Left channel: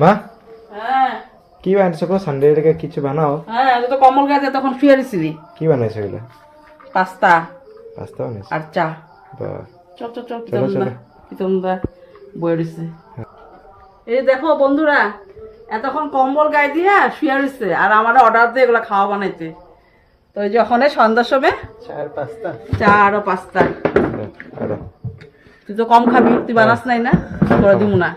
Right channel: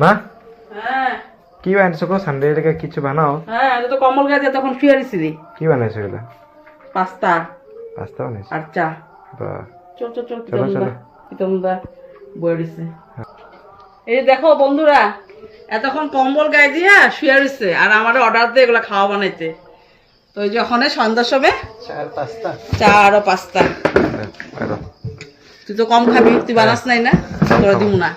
মা হ্যাঁ কি বানাইছো গো? সানডে থেকে কিছু বানাও। হ্যাঁ আমি তো কমল গাছে তখন শুয়ে দিছিলি কি বানাইছো এগুলো? পাস্তা পাস্তা বানাইছো? আর চা। বাহ, চল চল চল চলো চলো। পিতমদা বয়ে দিছে। এই যে দেখো বন্ধুরা, এতক্ষণ কম্বল গায়ে দিয়া শুয়ে দিছে আর আমার অর্ডার দিয়ে এগুলো খাওয়া বানাইতে। তো ওই যখন সন্ধ্যার সময় চার পাস্তা। চা আরো পাস্তা। বাইরো। তুই তো কম খাবি, তুই বানাস নাই না, তোরা দিব না।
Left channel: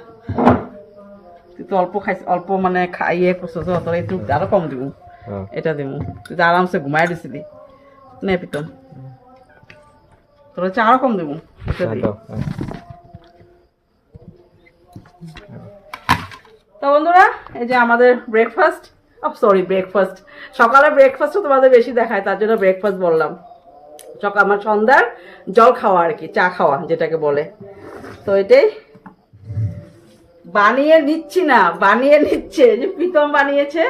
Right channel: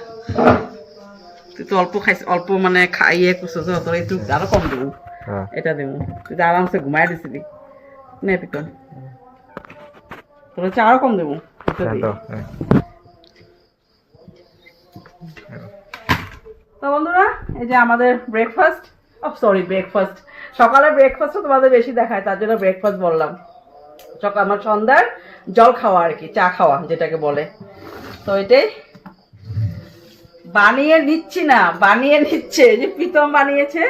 তুই তো অল্প খাইছ, অল্প মানে খাইয়ে করছো তো, তোরা একটু আরো কম দিব। হ্যাঁ এটা দিব, তুই তো আরামসে ঘুমাই দিছিলি। নে পিতম, তোরা হচ্ছে আরো কম দেবো। দাও। তো বন্ধুরা, এই যে আমাদের ব্রেকফাস্ট, ব্রেকফাস্ট সকালে ব্রেকফাস্টও তোমাদের বেশি দেখায়, তার জন্য ব্রেকফাস্ট বললাম। সকাল আমার সন্ধ্যার জল খাওয়া আর কি, চা খাওয়া যেটাকে বলে। তো এটাই বানিয়ে নিচ্ছি না, বানিয়ে নিচ্ছে যে প্রীতম বানিয়েছে।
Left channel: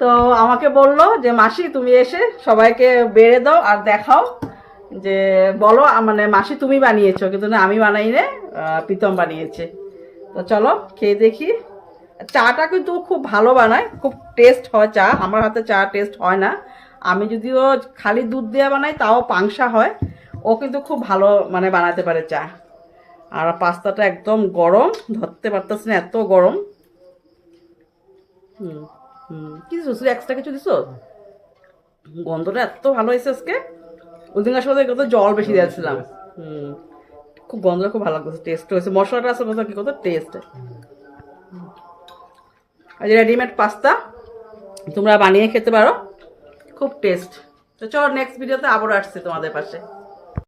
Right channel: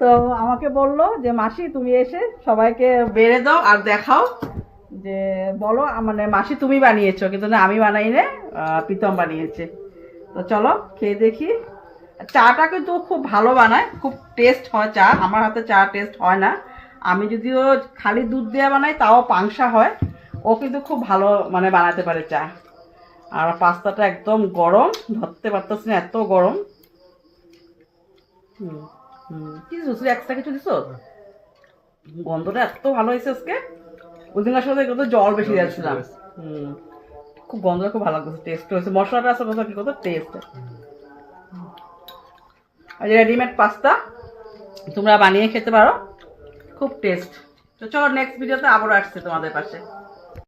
তো আমাকে বললো যে মাসি তুমি এসে সবাইকে বেড়ে দাও আর দেখাও, যে বলো মানে মাসি তুমি বানিয়েছো, কিন্তু না আমি বানাই নে, প্রীতম বানিয়েছে। তো চলো খেয়ে দেখি। চাটা কিন্তু খুব ভালো বানায়, খুব টেস্ট হয় চা। আমার হাতে চা টেস্ট হয় না, আমি যদিও খালি দুধ দিয়ে বানাই তাও পাংশা হয়। ও কিন্তু খুব ভালো মানে বানাতে পারে চা। আর পাস্তাটা একদম গরম, ধরতে পারতেছি না এত গরম। হুম হুম, কি দিছো এক্সট্রা কিছু দিছো? গন্ধটা এত ভালো হয়েছে আজকে। ওই দিন আসলে কত জল বেশি দিয়েছিলাম। হুম, খুব গন্ধটা খুব ভালো লাগছে, টেস্ট হয়েছে, মশলাটা আসলে কত টেস্ট। আর রেডিমেড পাস্তা তোমরা বানিয়ে খেতে পারো, খুব টেস্ট। তো চলো নেক্সট ভিডিওতে আবার আসছে তোমাদের পাশে।